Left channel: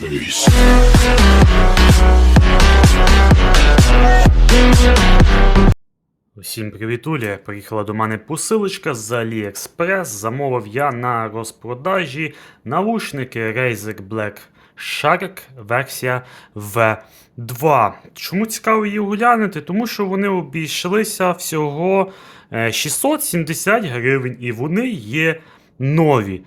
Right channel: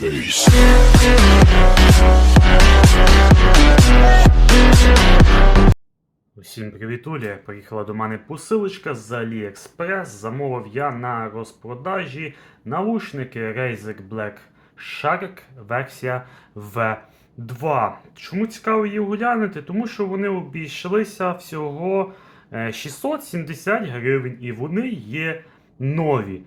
face. Усім привітулі! Приїхала до мене посилочка з AliExpress. Замовив я на розпродажі наушники Razer Black Shark версія V2. Чому цікаво її оглянути? Тому що вони обійшлися всього е, 670 гривень і вони є нові.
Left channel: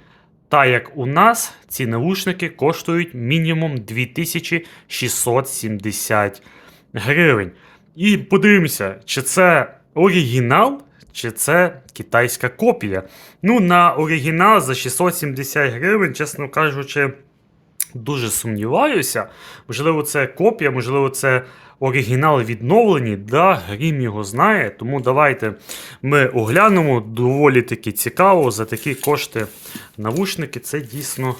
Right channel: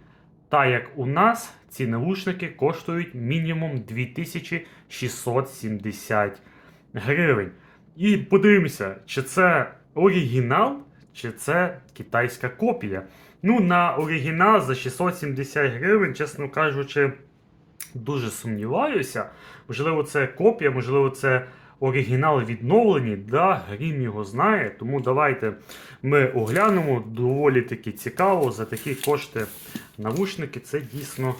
Та як у нас ці наушники коштують мінімум 2670 гривень. І подивимося, чи це оригінал, чи це китайська копія. Ну, на оригінал за 670 гривень, чесно кажучи, дуже сумніваюся. Можливо, це копія, можливо, це оригінал відновлені. Да, Грім його знає. Тому давайте ми оглянемо. Доволі таки цікаво. За такі кошти навушники. Це дійсно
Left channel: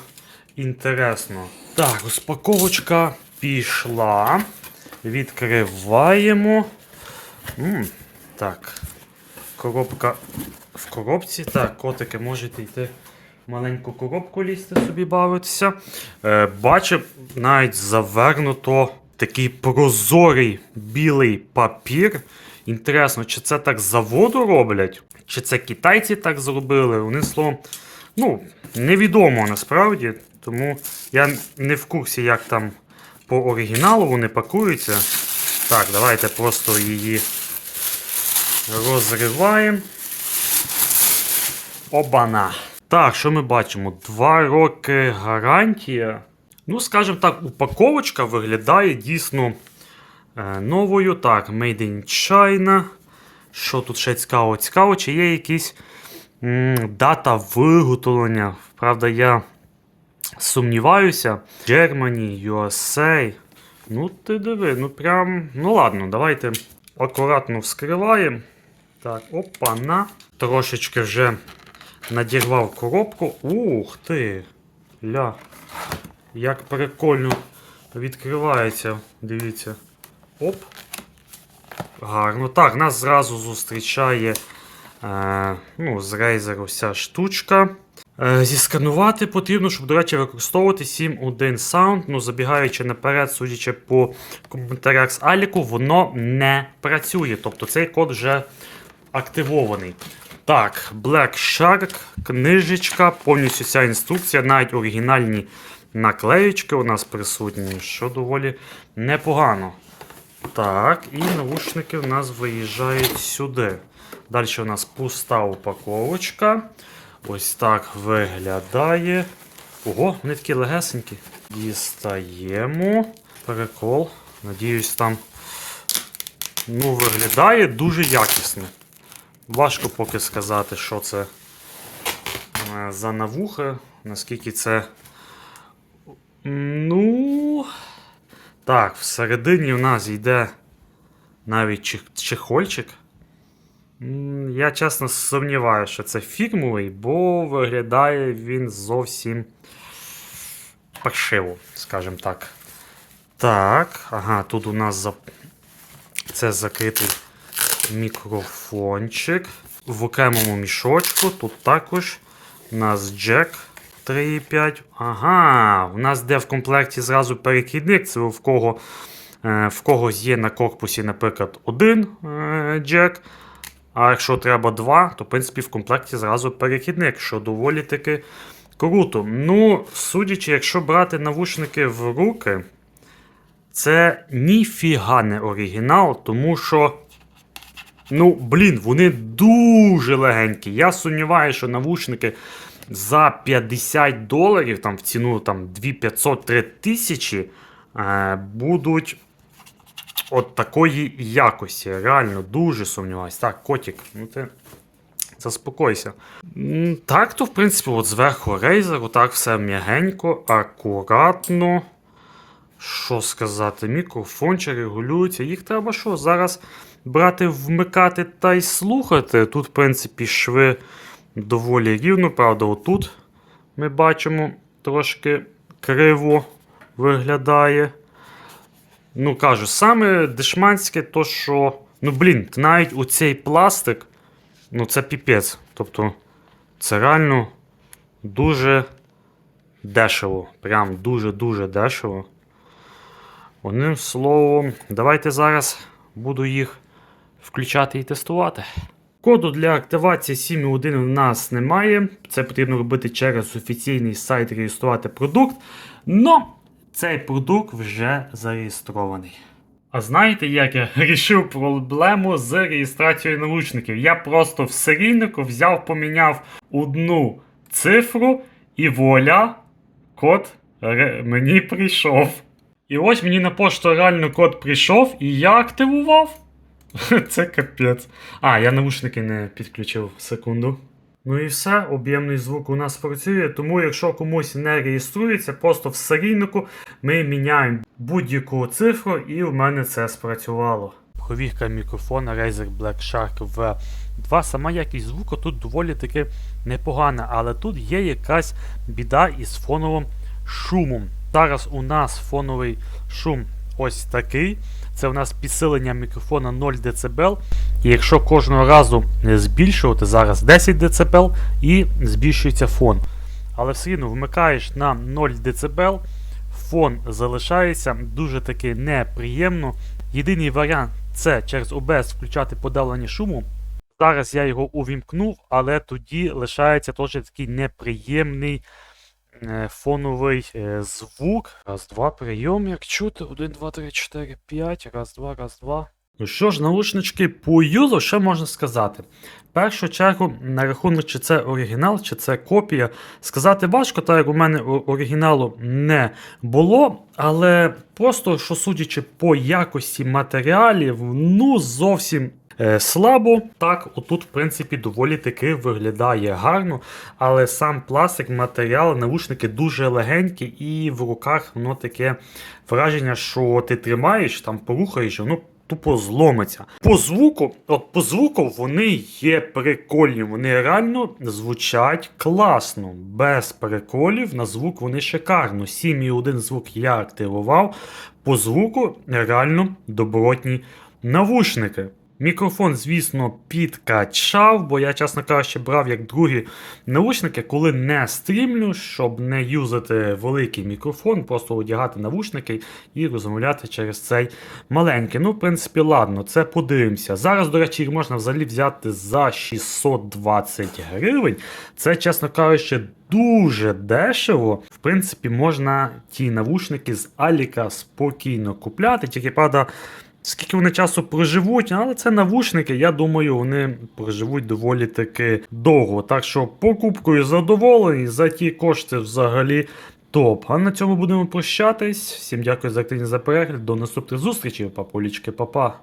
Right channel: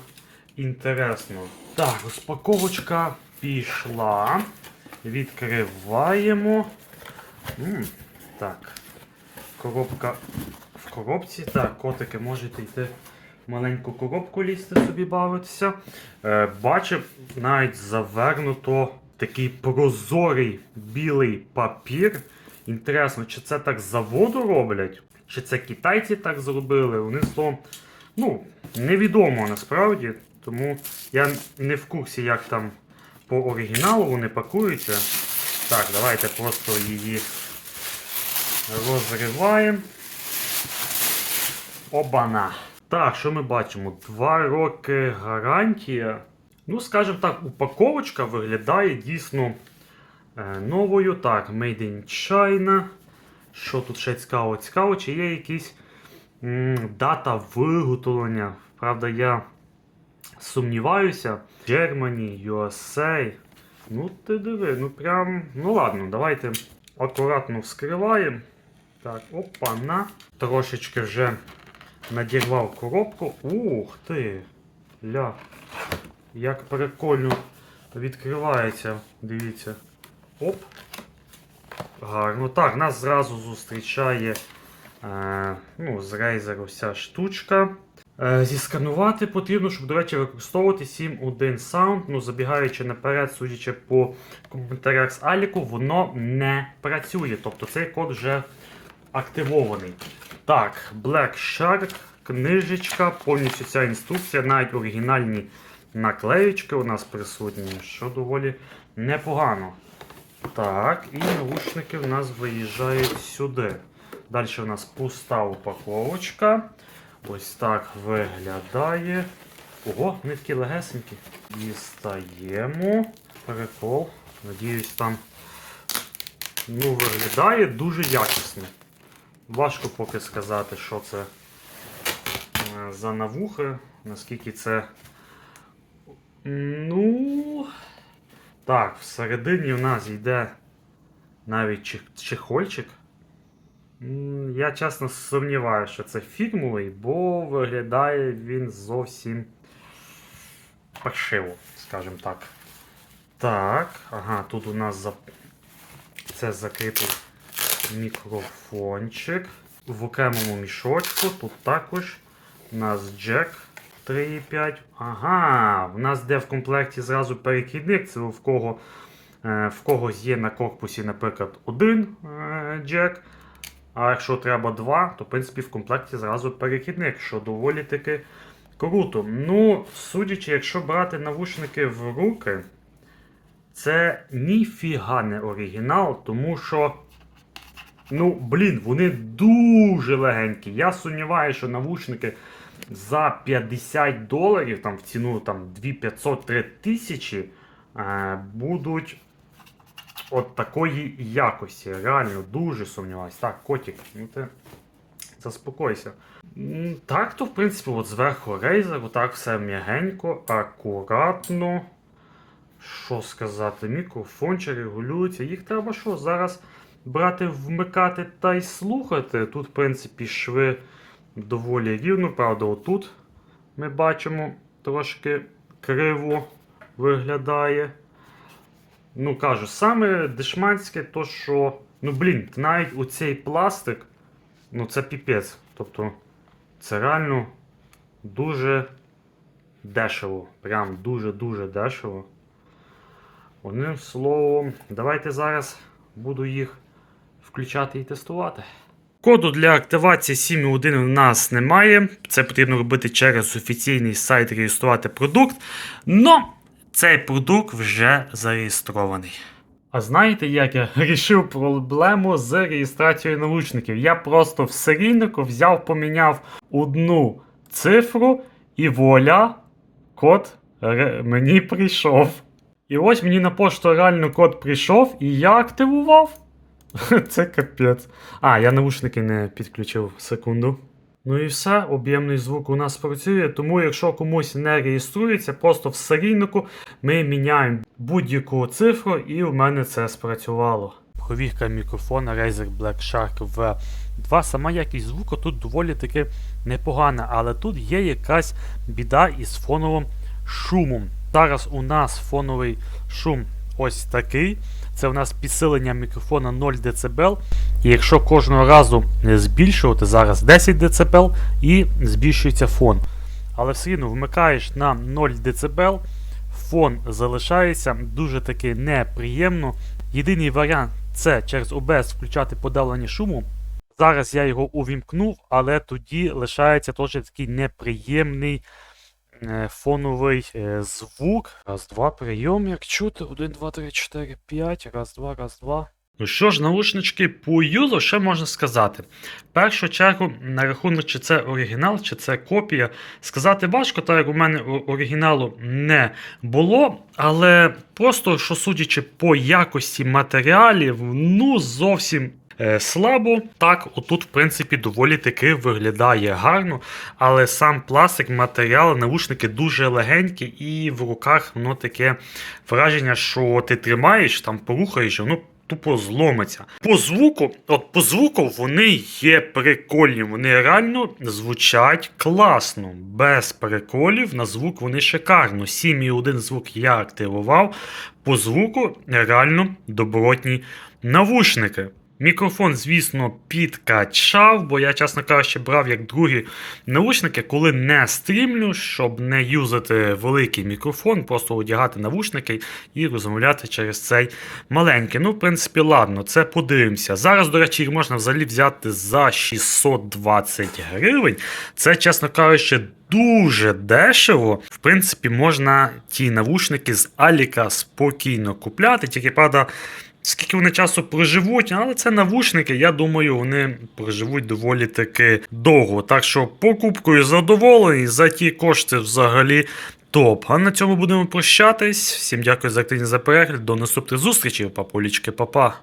інтересно. Так, розпаковочка пішла. Відкриваємо. М, так. Коробка в коробці. Так, котики можете йти маленьку коробку лізти собі бавитися. Е, бачив, навіть завернуто такий прозорий білий папір. Інтересно, чи це так з заводу роблять? Чи це китайці так зробили? Вони словом, ну, невідомо насправді. Тому я не в курсі, як там по оригіналу вони пакуються. Так, давайте просто її розриваємо. Обана. Так, що ми бачимо? Два роки гарантія. Ну, скажімо так, упаковочка виглядає дійсно е, новою. Так, Made in China. Що тут ще цікаво? Цікаво, чи є якісь м, дата виготовлення. Правда, я сумніваюся. Germany, USA. Ну, ти диви, ну прям. Ну ладно, давайте акуратно вскриваємо. Так, опа-на. Трошечки вже надірвав коробку. Ух ти! Ля. Як прикольно відкривається. Дивіться. Оп. Гарно. Так, нас зразу зустрічає е, ну, з Razer вся штучка. Е, Зісканувати потрібно, щоб, до речі, використовувати 7.1 Sound. Ну, забігаючи наперед, судячи по коментарях з Аліку, воно не працює. Тобто цей код вже активований. Так, Black Shark, книжечка, повністю ця інструкція, навіть оригінальні наклеєчки у нас присутні, що доволі непогано. Так, і наушники в нас виїжджають сюди. Далі у нас пуста упаковочка. Ось так виглядає. Ого, вони такі легесенькі. Дістаємо. Прикол. Надіюсь, там ну, виглядає дуже якісно. Важко поки сказати, що це е, за навуха, наскільки це. Ну. Так, всередині у нас йде навіть чехольчик. Я чесно сумніваюся, що це фірмовий, бо виглядає він зовсім паршиво, скажімо так. Так, ага, тут у нас за... це закритий мікрофончик. В окремому мішочку. Тут також у нас джек 3,5. Ага, у нас де в комплекті зразу перехідник. Це в кого е, в когось є на корпусі, наприклад, один е, джек. А якщо треба два, то в принципі в комплекті зразу перехідник, що доволі таки круто. Ну, судячи, якщо брати навушники в руки, це ніфіга не оригінал, тому що. Ну, блін, вони дуже легенькі. Я сумніваюся, що навушники за 50 доларів, там в ціну там 2500-3000 тисячі, е, будуть от такої якості. Реально дуже сумніваюся. Так, котик, ну ти заспокойся. Так, то в принципі, от зверху Razer, отак все м'ягенько, акуратно. Що сказати, мікрофончик регулюється. Їх треба що? Зараз брати, вмикати та й слухати. Тут, в принципі, шви доволі рівно, правда, отут ми бачимо трошки криво виглядає. Ну, кажу, саме дешманське, то що. Ну, блін, навіть у цей пластик, ну це піпець. Тобто, це реально дуже дешево. Прям дуже-дуже дешево. Одним словом, давайте зараз буду їх включати і тестувати. Коду для активації 7.1 у нас немає. Це потрібно робити через офіційний сайт реєструвати продукт. Но цей продукт вже зареєстрований. А знаєте, як я вирішив проблему з реєстрацією наушників? Я просто в серійнику взяв, поміняв одну цифру і вуаля, код мені прийшов. І ось мені на пошту реально код прийшов, і я активував. Це капець. А, я наушники не підключив секунду. Ну і все, об'ємний звук у нас працює, тому якщо комусь не реєструється, просто в серійнику ми міняємо будь-яку цифру, і в мене це спрацювало. Провірка мікрофона Razer Black Shark V2. Сама якість звуку тут доволі таки непогана, але тут є якась біда із фоновим шумом. Зараз у нас фоновий шум ось такий. Це у нас підсилення мікрофона 0 дБ. І якщо кожного разу збільшувати зараз 10 дБ і збільшується фон. Але все одно вмикаєш на 0 дБ, фон залишається дуже таки неприємно. Єдиний варіант це через OBS включати подавлення шуму. Зараз я його увімкнув, але тоді лишається теж такий неприємний фоновий е, звук. Раз, два, прийом, як чути. 1, 2, 3, 4, 5. Раз, два, раз, два. Ну що ж, наушнички по юзу, що можна сказати? В першу чергу, на рахунок, чи це оригінал, чи це копія, сказати важко, так як у мене оригіналу не було, але просто, що судячи по якості матеріалів, ну зовсім е, слабо. Так, отут, в принципі, доволі таки виглядає гарно, але сам пластик, матеріал, наушники дуже легенькі, і в руках воно таке враження, що ти тримаєш, там порухаєш, воно тупо зломиться. По звуку, от по звуку вони є прикольні, вони реально звучать класно. Без приколів на звук вони шикарно. 7,1 звук я активував. По звуку реально добротні навушники. Мікрофон, звісно, підкачав, бо я, чесно кажучи, брав як другі наушники, коли не стрімлю, щоб не юзати великий мікрофон, просто одягати навушники і розмовляти через цей маленький. Ну, в принципі, ладно, це подивимося. Зараз, до речі, їх можна взагалі взяти за 620 гривень. Це, чесно кажучи, дуже дешево. В принципі, можна ті навушники з Аліка спокійно купляти, тільки правда. Скільки вони часу проживуть, але це навушники, я думаю, вони проживуть доволі таки довго. Так що покупкою задоволений, за ті кошти взагалі топ. А на цьому будемо прощатись. Всім дякую за активність за перегляд. До наступних зустрічей, папулічки, папа.